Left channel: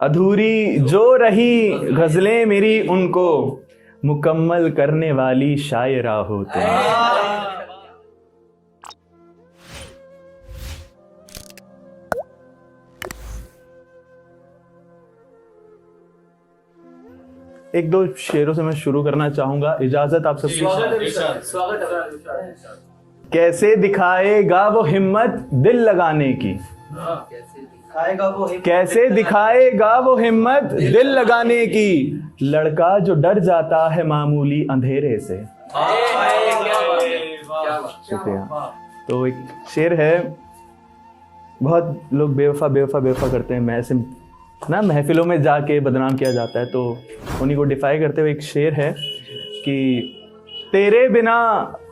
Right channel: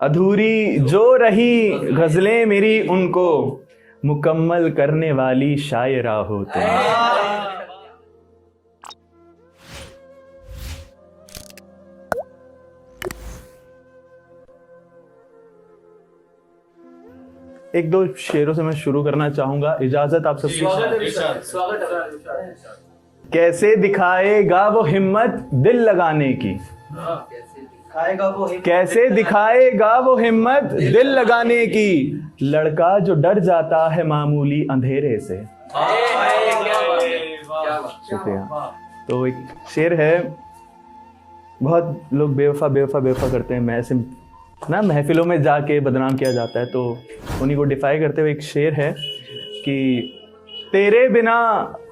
अधूरी जो रही गजलें मेरी उनको मुकम्मल करने वाली शायरा हो तुम। एक दो शेरों से मैं शुरू करना चाहूंगा, इजाजत आप सबकी। कैसे दिखाएगा वो हिम्मत दिल लगाने की, कैसे दिखाएगा वो हिम्मत दिल लगाने की, लड़का जो डर जाता है मामूली अंधेरे से। शुक्रिया। तो एक शेर है, बहुत लोग बेवफा बेवफा बेवफा करते हैं, मैं ऐसे ना महफिलों में जाके बदनाम किया जाता है, तो उन्हीं को डिफाई करते हुए एक शेर है कि तेरे बिना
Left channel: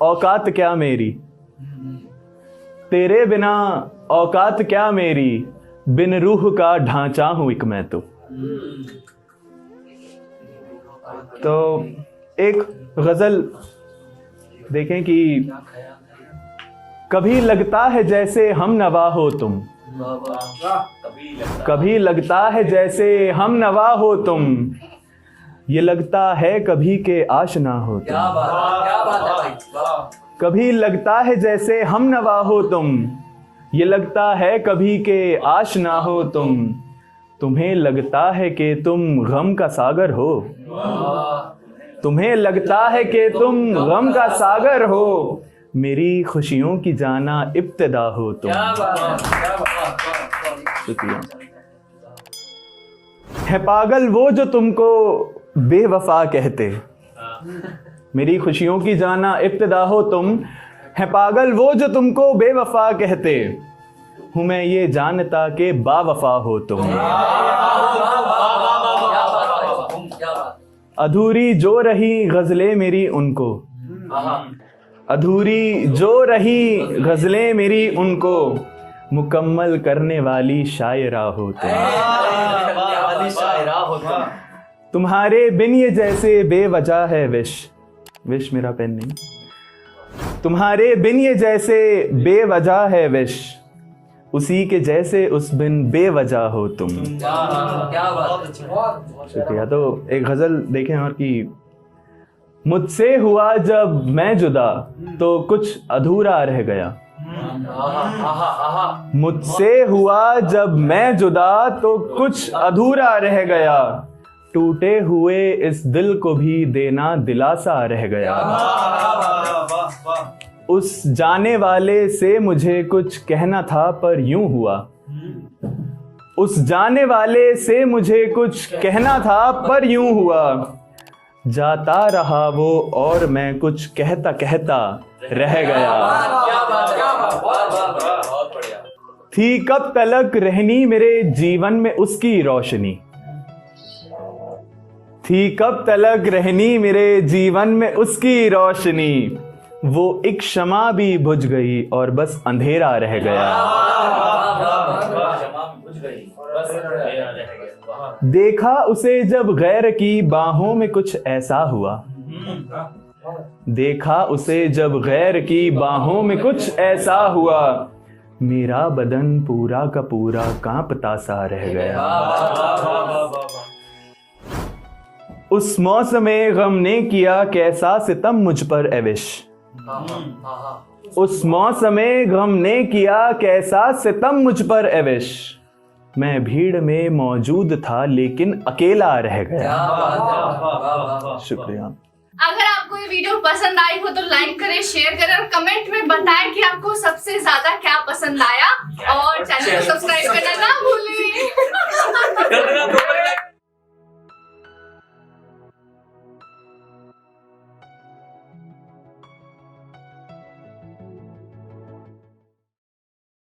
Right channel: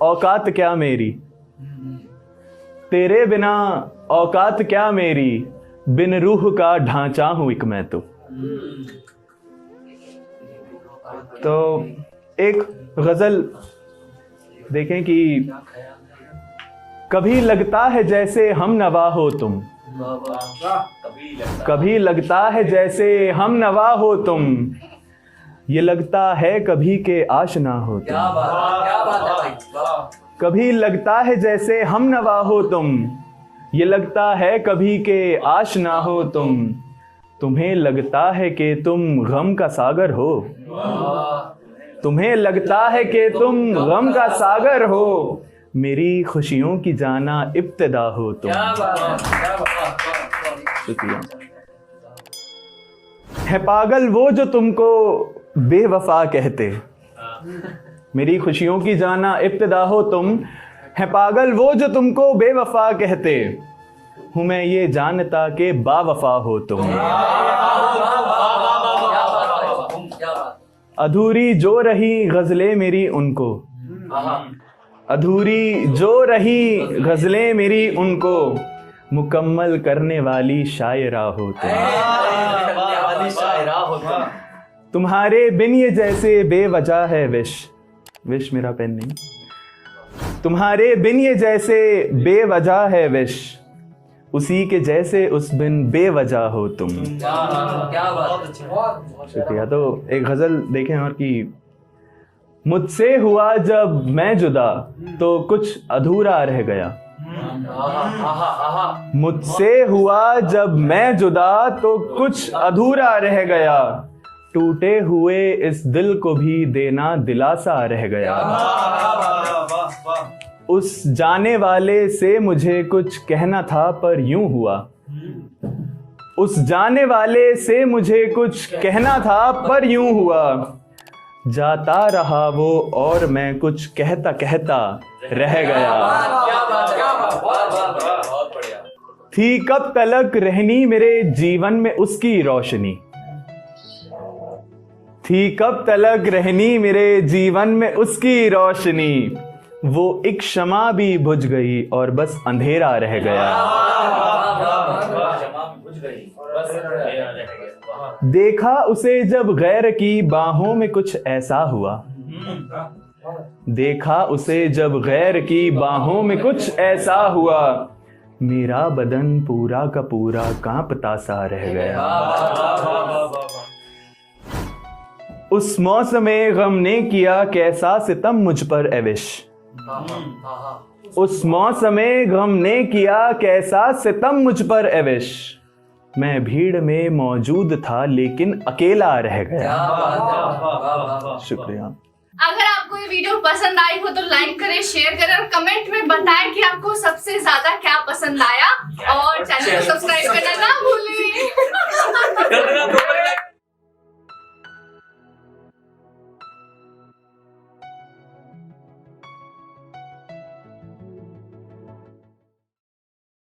औकात क्या मेरी, तेरे बिना औकात क्या मेरी, बिन रूह का ढांचा हूं एक मैं तो एक गजल देखें कि कभी लगता है जैसे हम नवा हो तुम, कभी लगता है जैसे हम नवा हो तुम, ये लगता है कभी के आशना हो तुम। कभी लगता है जैसे हम नवा हो तुम, ये लगता है कभी के आशना हो तुम, तुम्हें लगता है कि तुम गम का सागर हो, तुम्हें लगता है कि तुम गम का सागर हो, मेरी खुशियों की जाना इब्तिदा हो तुम। शुक्रिया। है पागल वो जो तुमको बेवफा कहते, मेरी खुशियों की जाना इब्तिदा हो तुम, है पागल वो जो तुमको बेवफा कहते, हूं मैं ये जानता कि बावफा हो तुम। अधूरी जो रही गजलें मेरी उनको, अधूरी जो रही गजलें मेरी उनको, मुकम्मल करने वाली शायरा हो तुम। तुम्हारे बिन ये जैसे बेवजह है विश, विश मेरा पेन नहीं, तुम्हारे बिन ये जैसे बेवजह है विश, उसी के जैसे उस बिन बेवजह हो तुम। शुक्रिया। तो एक गजल देखें और कि मुझसे हुआ जब मैं जुदा तो कुछ अधूरा रह गया, मुझसे हुआ जब मैं जुदा तो कुछ अधूरा रह गया, टूटे हुए इस दिल को भी देना दिलासा रह गया, उस जाने वाले से मुझे कुछ कहना था पर यूं हुआ, उस जाने वाले से मुझे कुछ कहना था पर यूं हुआ, जाता रहा वो और मैं कुछ कहता कहता रह गया। थी कब तलक रहनी मेरे जीवन में उसकी रोशनी, थी कब तलक रहनी मेरे जीवन में उसकी रोशनी, वो एक शमा भी बुझ गई और बस अंधेरा रह गया। देखा उसे जब गैर की बाहों में कुछ ऐसा हुआ, देखा उसे जब गैर की बाहों में कुछ ऐसा हुआ, मेरा बदन पूरा का पूरा कांपता सा रह गया। उस मौसमे गम ने किया कैसा सितम मुझ पर एविश, उस मौसमे गम ने किया कैसा सितम मुझ पर एविश, मैं भीड़ में मौजूद था लेकिन अकेला रह गया। शुक्रिया। अगर आपको ये वीडियो पसंद आई हो तो लाइक करें, शेयर करें और कमेंट में बताएं कि आपको सबसे ज्यादा क्या पसंद आया, और चैनल को सब्सक्राइब